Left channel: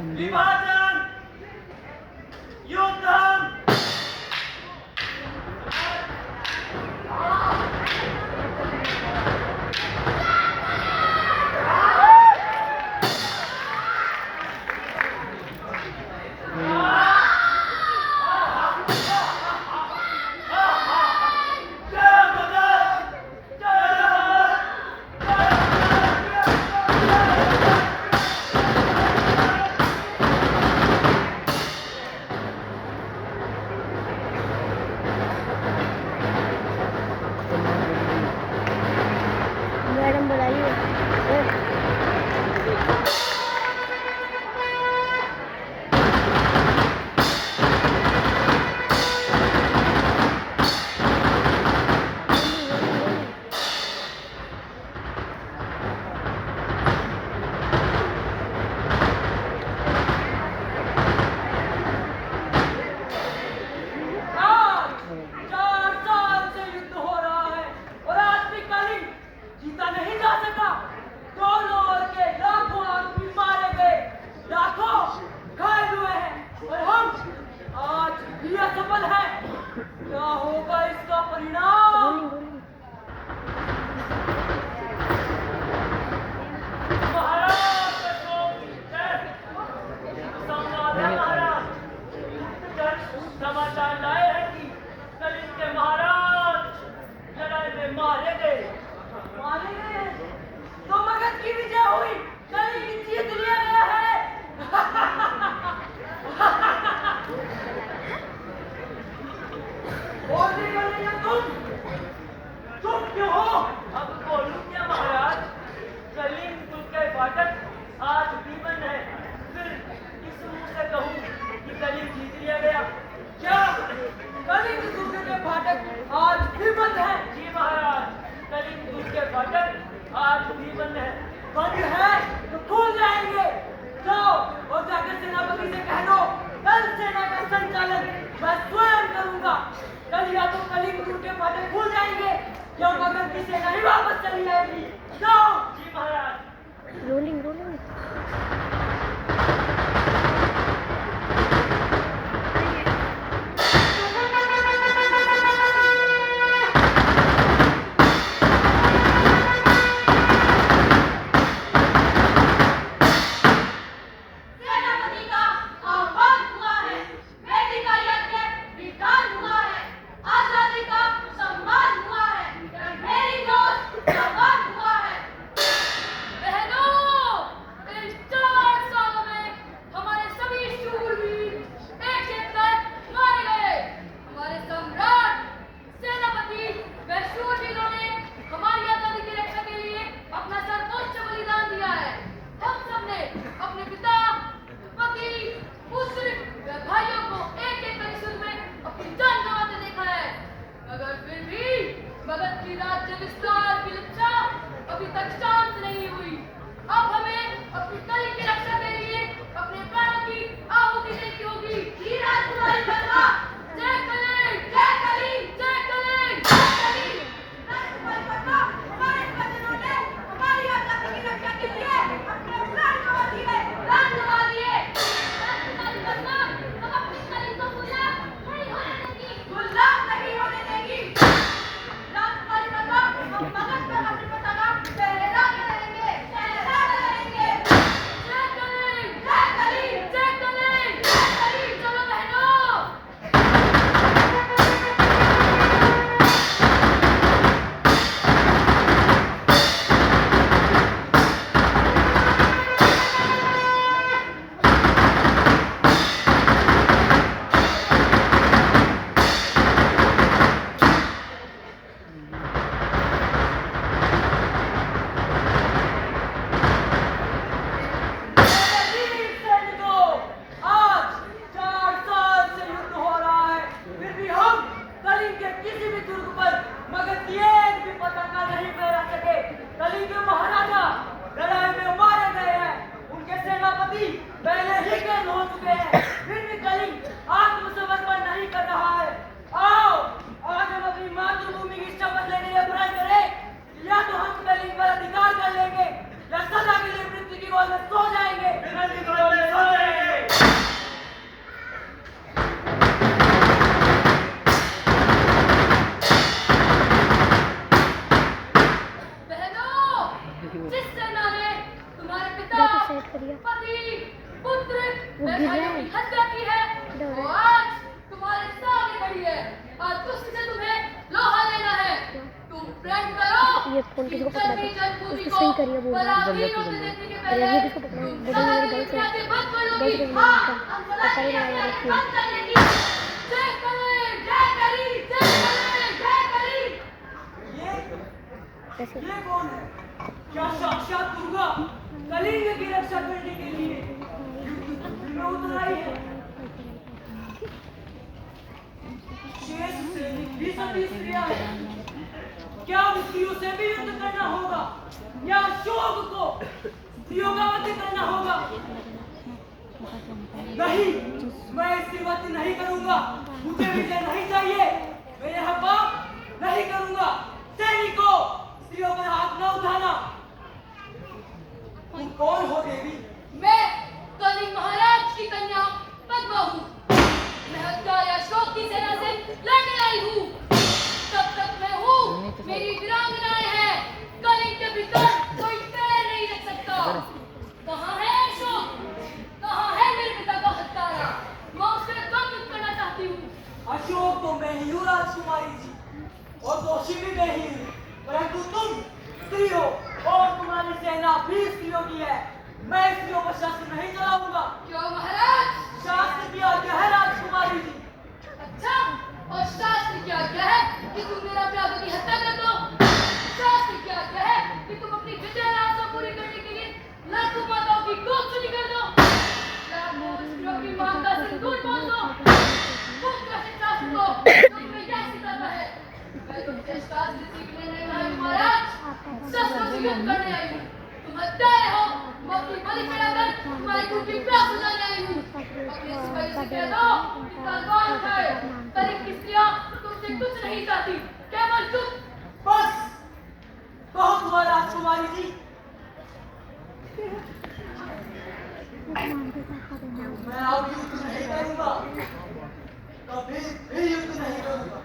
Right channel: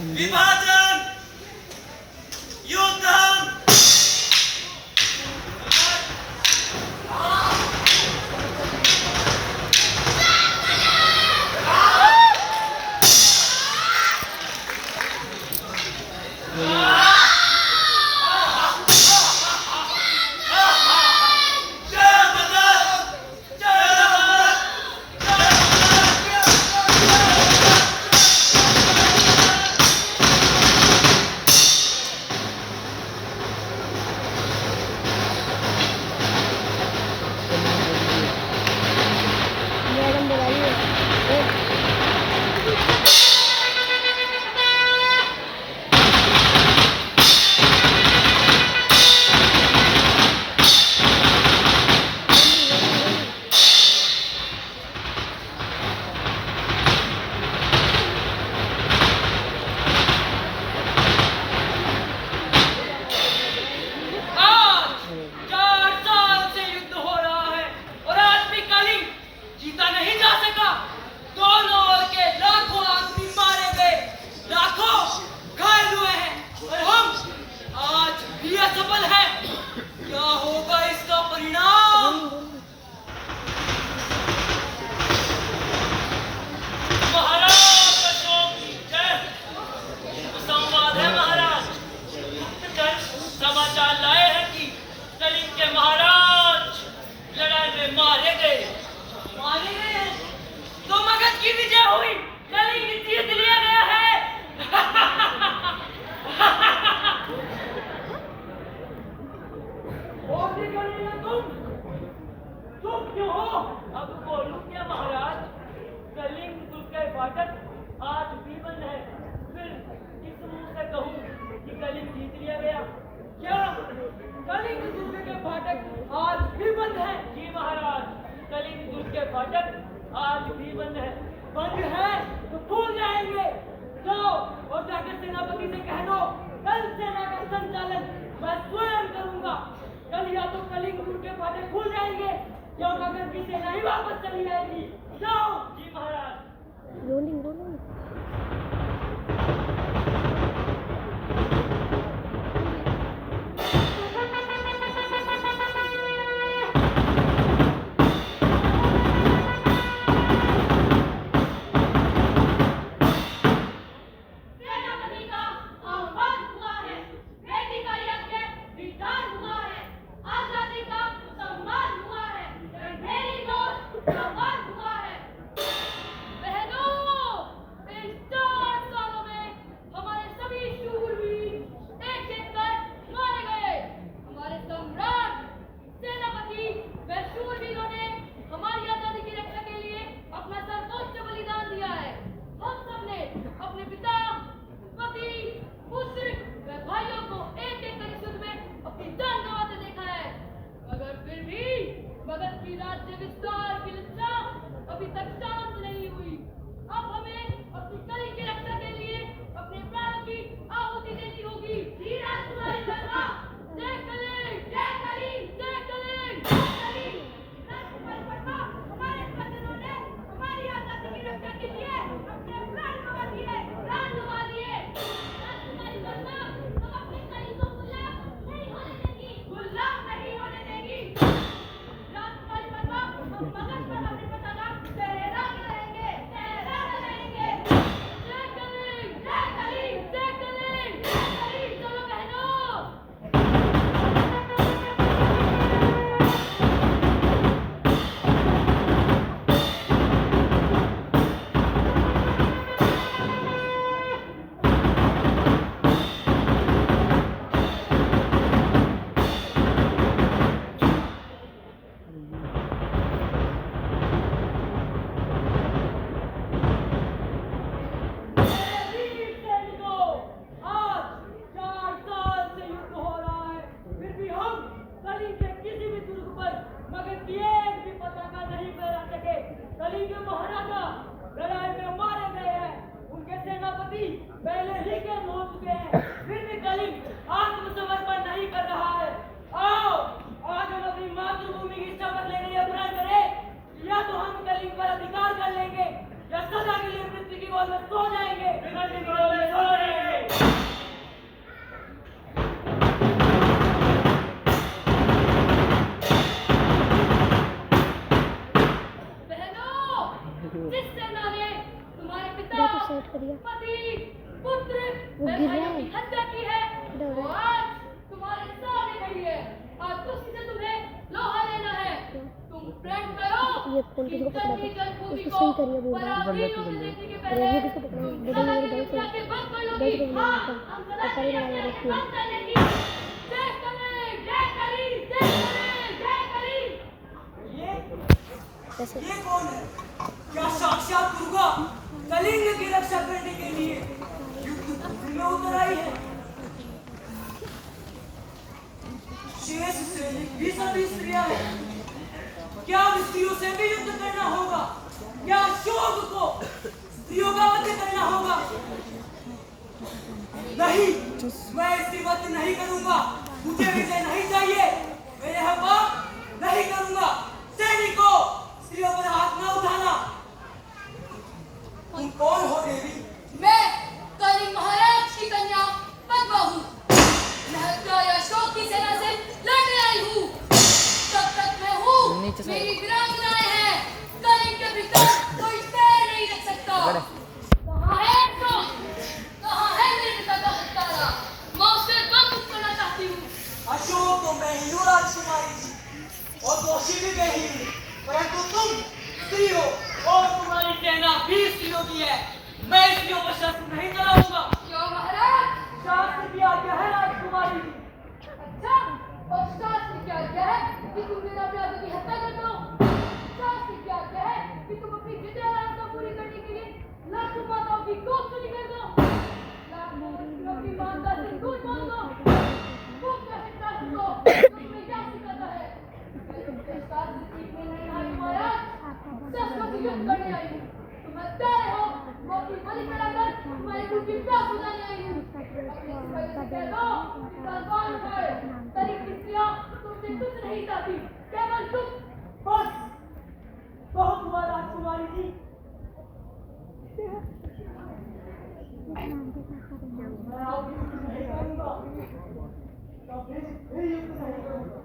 विभाजन, युद्ध। मैडम बुलाइए। सफल है। क्या होगा इसका परिणाम? महाराज अशोक की जय। संवाद है महाराज, गुप्तचर समाचार लाए हैं कि कलिंग के महाराज लड़ाई में मारे गए। मारे गए हैं तो मगध की विजय हुई, कलिंग जीत लिया गया है। तुम क्यों हो? अब बोलूं क्या महाराज? कलिंग कुल के फाटक आज भी बंद है। फिर किस मुंह से कहूं कि कलिंग जीत लिया गया? क्या कलिंग दुर्ग के फाटक आज भी बंद है? जी महाराज, कलिंग दुर्ग के फाटक आज भी बंद है। बंद है तो खुल जाएंगे। जाओ और जाकर सेनापति से कह दो, कल सेना का संचालन मैं स्वयं करूंगा। कल या तो कलिंग दुर्ग के फाटक खुल जाएंगे या मगध की सेना ही वापस चली जाएगी। जाओ। जी महाराज। Rolling rolling. पहले ही कैद हो चुके हैं, फिर भी कलिंग आत्मसमर्पण नहीं कर रहा है। आओ आज हम अपनी मातृभूमि की शपथ लेने या बुराई करें, या तो हम कलिंग पर अधिकार कर लेंगे या सदा के लिए मृत्यु की गोद में सो जाएंगे। ये फोन किसी को पकड़ा था उसको सही करिए बोल रहा है। अरे ये किसको पकड़ा है बोलो मेरे गर्ल से पता ही नहीं रखिए। कैसे ये कौन है? क्या साक्षात दुर्गा कलिंग की रक्षा करने के लिए युद्ध में उतर आई है? शेष सैनिक भी सभी स्त्रियां हैं। क्या स्त्रियों से भी युद्ध करना होगा? या अशोक को स्त्रियों का वध करना होगा? नहीं, मैं इसकी वध नहीं करूंगा। मुझे विजय नहीं चाहिए। मैं यह पाप नहीं करूंगा। सैनिकों, स्त्रियों पर हाथ न उठाना। तुम कौन हो देवी? मैं कलिंग महाराज की कन्या पद्मा हूँ। मैं हत्यारा अशोक की सेना से लड़ने आई हूँ। तब तक मैं हूँ, मेरी वीरांगनाएं हैं। कलिंग के भीतर कोई पैर नहीं रख सकता। कहाँ है अशोक? कहाँ है मेरे पिता का हत्यारा? मैं उसे बंद करना चाहती हूँ। अशोक तो मैं ही हूँ राजकुमारी जी, और दोषी भी मैं ही हूँ। परंतु तुम स्त्री हो और तुम्हारी सेना भी स्त्रियों की है। मैं स्त्रियों पर शस्त्र नहीं चलाऊंगा। क्यों महाराज? शास्त्र की आज्ञा है राजकुमारी जी। अच्छा, और शास्त्र की आज्ञा है कि तुम मेरा प्यादों की हत्या कर दो। शास्त्र की आज्ञा है कि तुम अपनी विजय लालसा पूरी करने के लिए लाखों माताओं की गोद चुरी कर दो। लाखों स्त्रियों की मांग का सिंदूर बोल दो। तुम कैसे शास्त्र को तुम्हें क्या सिखाता है? मैं तुमसे शास्त्र सीखने नहीं आई महाराज, शस्त्रों से युद्ध करने आई हूँ। तुम हत्यारे हो, मैं अपनी बलि चढ़ाकर तुम्हारी खून की प्यास बुझाने आई हूँ। अपने सिपाहियों से कह दो कि तलवार उठाए। कलिंग की स्त्रियां तुमसे कुछ नहीं चाहती, केवल तुम। बस बहुत हुआ राजकुमारी जी। मैं अब युद्ध नहीं करूंगा, कभी भी युद्ध नहीं करूंगा।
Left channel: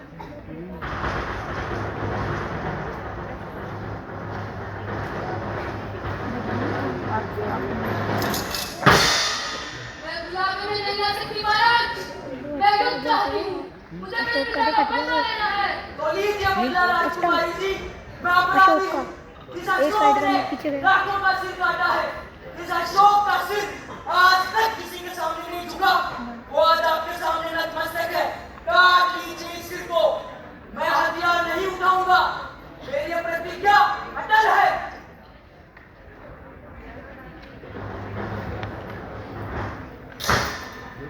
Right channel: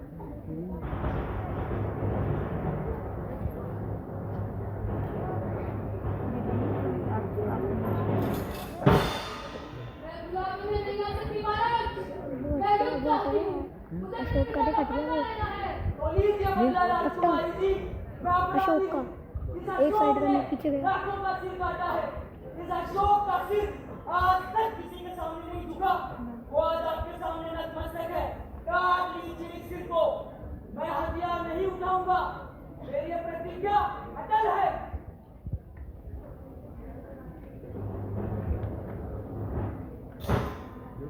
मैं गुलामी में नहीं आ सकती महाराज। मैं युद्ध चाहती हूँ। मुझे मेरे अशोक का पिता का भी बदला कट लेना है। तो लीजिए बदला राजकुमारी जी। मैं अपराधी हूँ। इस एक अशोक साइड ने में पीछे गया। लाखों का सिर काटा है। इस अशोक का सिर आज तक किसी के सामने नहीं झुका। वो आज आपके सामने नतमस्तक है। काट लीजिए इस सिर को। मैं हथियार नहीं उठाऊंगा। मेरी यह प्रतिज्ञा अटल है।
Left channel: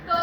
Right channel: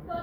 तो